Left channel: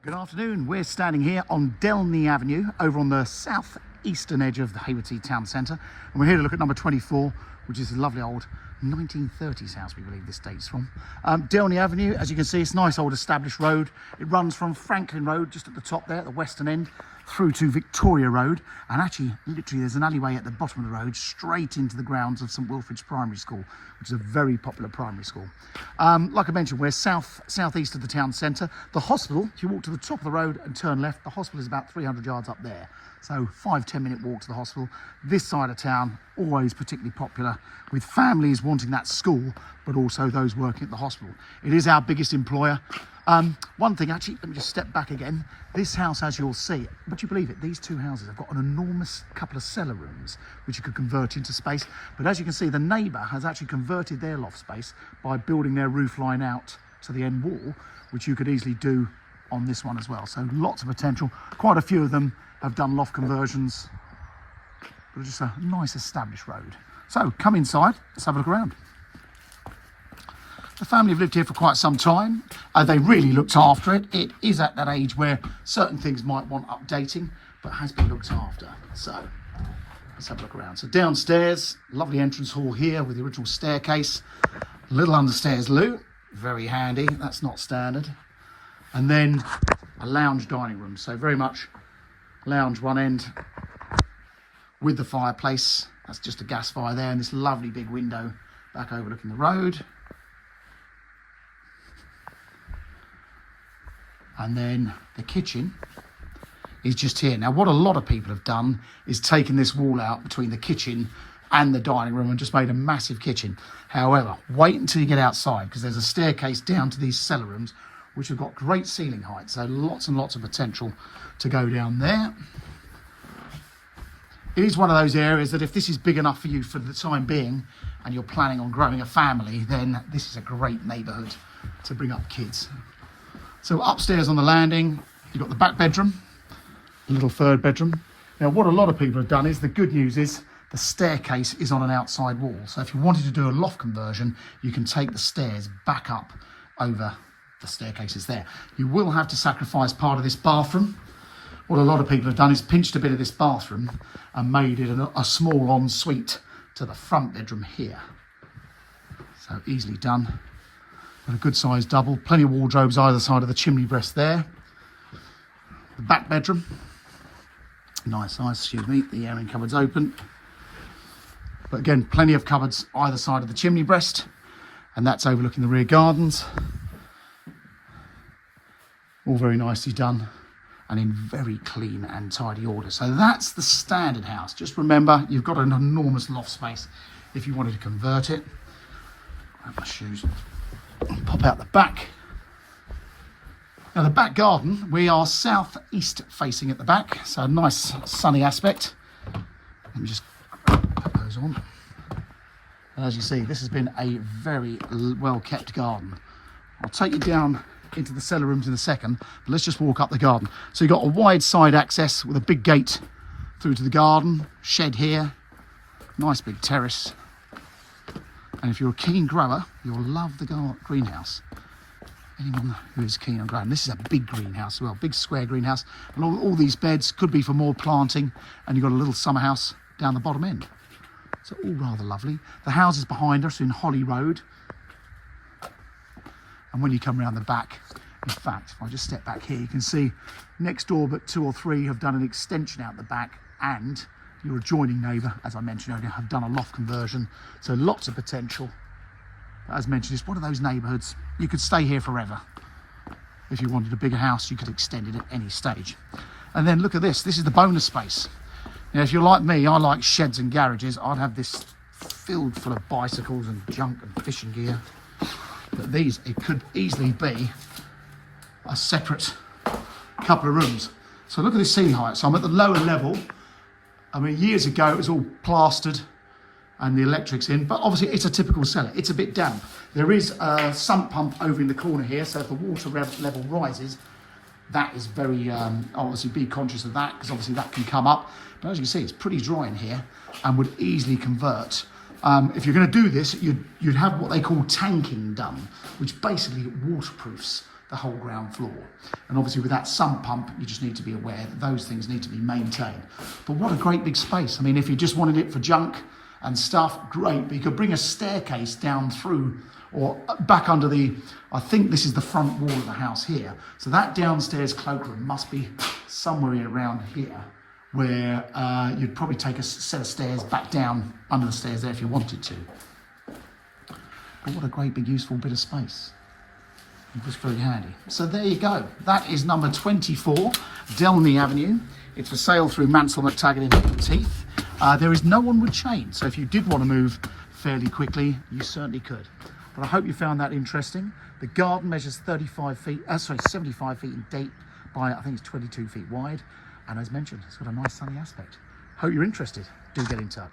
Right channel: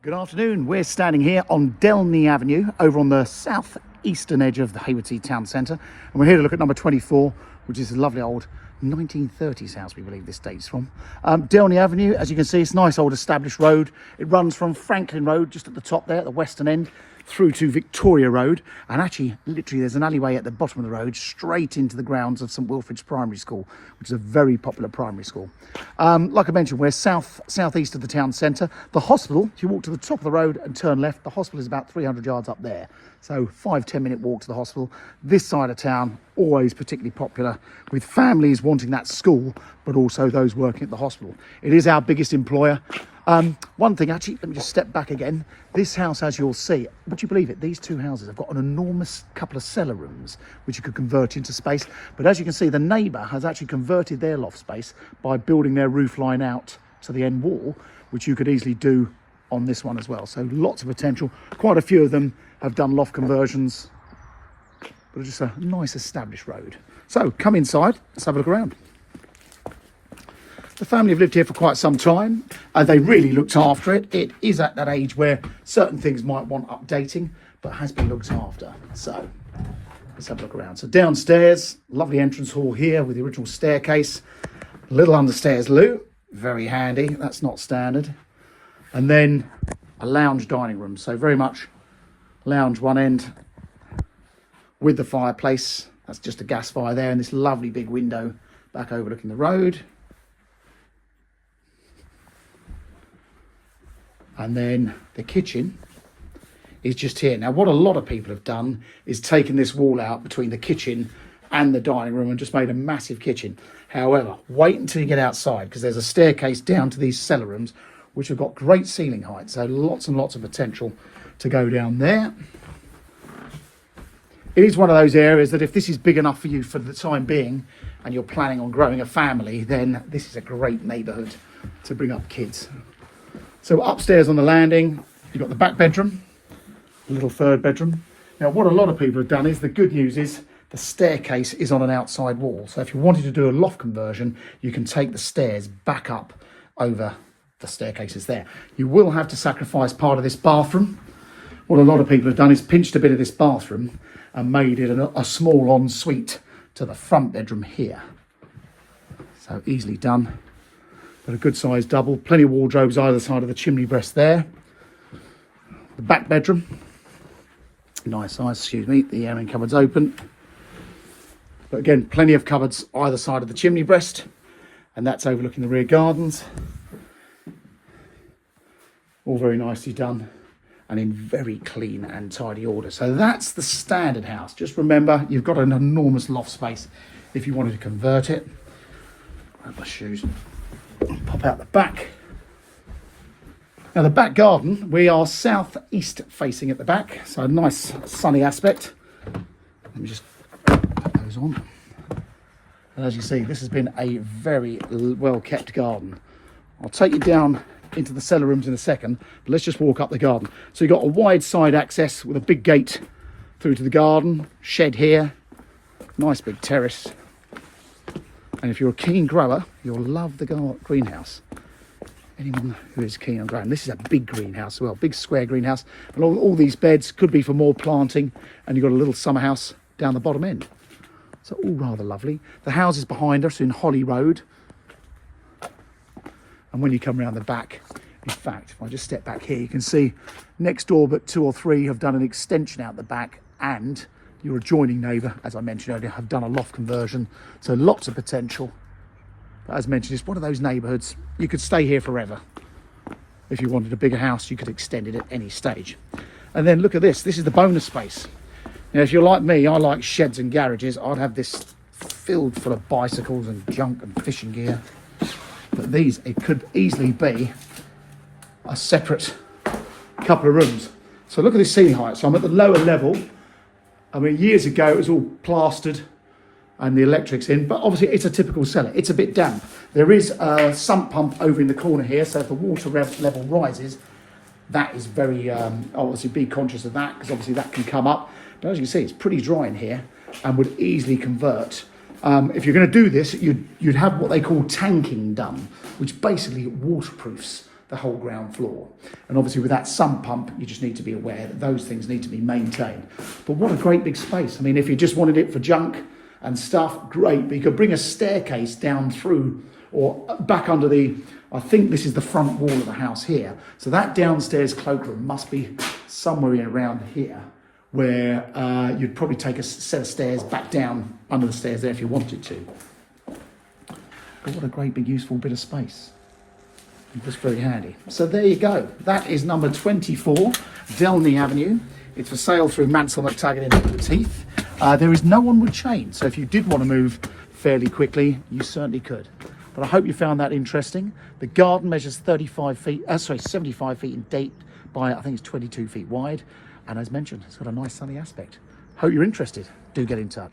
Good afternoon. We're standing here on Dellney Avenue over on the southeastern edge of the Haywards Heath town centre, and we're here to look at number 24, which is a lovely old 1930s house, we believe this dates from. Dellney Avenue, as you can see, it's a nice old established road. It runs from Franklin Road just at the top there at the western end through to Victoria Road, and actually literally there's an alleyway at the bottom of the road straight into the grounds of St Wilfrid's Primary School, which is a very popular primary school. Like I mentioned, we're southeast of the town centre. The hospital, if you walk to the top of the road and turn left, the hospital is about 300 yards up there. So 5-10 minute walk to the hospital. This side of town, always particularly popular with families wanting that school, but also those working at the hospital. It is our biggest employer. One thing, actually, let me just step back again. This house, as you'll see, would you believe it? These two houses have got an enormous couple of cellar rooms, which you could convert into space. But as you can see, the neighbour has actually converted their loft space by building their roof line out to the end wall, which you could easily do on this one as well. So lots of potential. Quite a few of them have done loft conversions, but it's just a nice established road. So come inside, let's have a look around. The family have lived here for quite some time. They really looked after it. It is at that age where certain things might want updating, but has been looked after. So let's have a look around. So downstairs, lovely entrance hall here with the original staircase. A little understairs loo, very handy. That's not standard. And then a lounge dining room. So very much lounge one end with the fireplace. That's just a gas fire there, and this lovely big window back overlooking the road. And then the kitchen is just here. Now, what a lot of people have done is taken this wall out between the kitchen and the dining room and just made a massive kitchen. However, wait until you get outside, because there's a staircase down to these cellar rooms, which have got great ceiling height. So lots and lots of potential to go down there. It is one of those areas that if this is big enough for you for the time being, and you're planning on growing a family, then this is a great neighbourhood to bring up kids. So upstairs on the landing, you've got the back bedroom, a little third bedroom. Now, what a lot of people have done is, the good news is the staircase is on an outside wall. So if you wanted to do a loft conversion, you can take the stairs back up over the staircases there. You will have to sacrifice part of this bathroom. What a lot of people have done is pinched a bit of this bathroom and made it a small ensuite to the front bedroom here. So easily done. Got a good sized double, plenty of wardrobes either side of the chimney breast there. The back bedroom, nice size, excuse me, the airing cupboard's open. But again, plenty of cupboards either side of the chimney breast, and that's overlooking the rear gardens. All very nicely done and in very clean and tidy order. So that's the standard house. Just remember, you've got an enormous loft space if you wanted to convert it. Grab my shoes. Pop out the back. Now, the back garden, we are southeast facing at the back, so a nice sunny aspect. Let me just put those on. And as you see, this has been a very well kept garden. I'll take you down into the cellar rooms in a second, but let's just walk up the garden. So you've got a wide side access with a big gate through to the garden, shed here, nice big terrace. And if you're a keen grower, you'll love the greenhouse. Anyone who is keen on growing. This is a big greenhouse as well, big square greenhouse. And all these beds could be for more planting, and you've got a little summer house down the bottom end. So all rather lovely. The houses behind us are in Holly Road. And when you come around the back, in fact, if I just step back here, you can see next door, but 2 or 3 have done an extension out the back, and your adjoining neighbour, as I mentioned earlier, have done a loft conversion. So lots of potential. But as mentioned, it's one of those neighbourhoods, you could stay here forever. If you wanted a bigger house, you could extend it at any stage. And then look at this. This is the bonus space. Now, if you're like me, I like sheds and garages. I'd have this filled full of bicycles and junk and fishing gear. But these, it could easily be a separate couple of rooms. So look at this ceiling height. So I'm at the lower level. I mean, years ago, it was all plastered and the electric's in, but obviously it's a typical cellar. It's a bit damp. There is a sump pump over in the corner here, so if the water level rises, that is very, obviously be conscious of that, because obviously that can come up. But as you can see, it's pretty dry in here and would easily convert. If you're going to do this, you'd have what they call tanking done, which basically waterproofs the whole ground floor. And obviously with that sump pump, you just need to be aware that those things need to be maintained. But what a great big space. I mean, if you just wanted it for junk and stuff, great. But you could bring a staircase down through or back under the, I think this is the front wall of the house here. So that downstairs cloakroom must be somewhere around here, where you'd probably take a set of stairs back down under the stairs there if you wanted to. But what a great big useful bit of space. Just very handy. So there you go. That is number 24, Dellney Avenue. It's for sale through Mansell McTaggart in Haywards Heath. There is no onward chain, so if you did want to move fairly quickly, you certainly could. But I hope you found that interesting. The garden measures 75 feet, 75 feet in depth by, I think it's 22 feet wide. And as mentioned, it's got a nice sunny aspect. Hope you're interested. Do get in touch.